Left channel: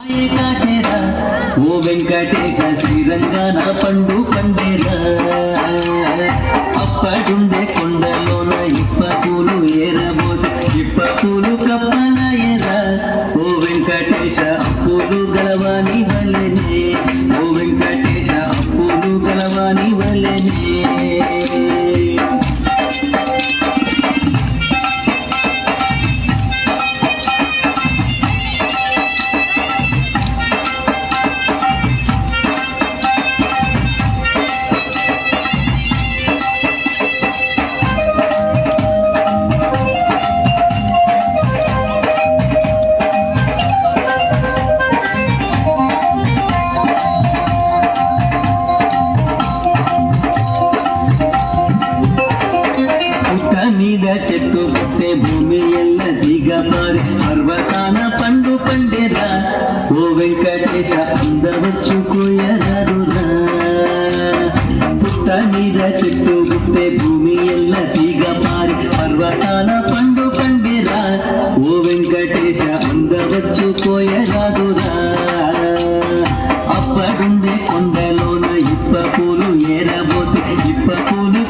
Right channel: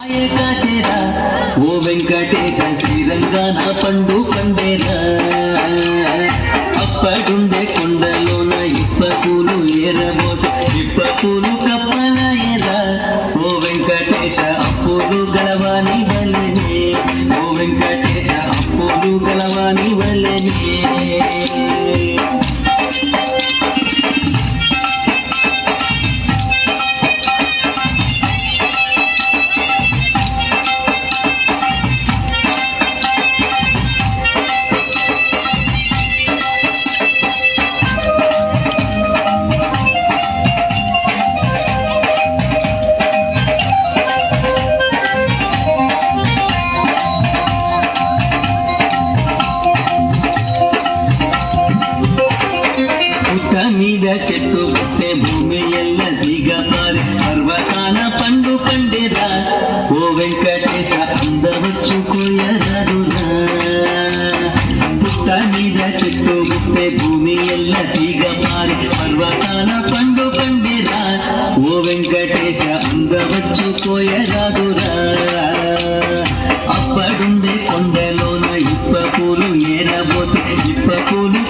ఓ వెంకటేశ శ్రీరంగాన పండు కండేరా అప్పడుండే కొండలోన ఇప్ప పూలు ఏరబోత ఇప్ప పూలు కప్పల ఎరా ఓ వెంకటేశ అప్పులు గలవాని వల్లనే ఓ వెంకటేశ అప్పులు గలవాని వల్లనే మీద చెట్టు పుట్టే భూమి ఎల్ల దిగమారి పర్వతాన పండు పండేరా ఓ వెంకటేశ అందవచ్చుకోయరారురా పుట్ట మీద చెట్టు పుట్టే భూమి ఎల్ల దిగమారి పర్వతాన పండు పండేరా ఓ వెంకటేశ అందవచ్చుకోయరారురా అప్పడుండే కొండలోన ఇప్ప పూలు ఏరబోతే ఇప్ప పూలు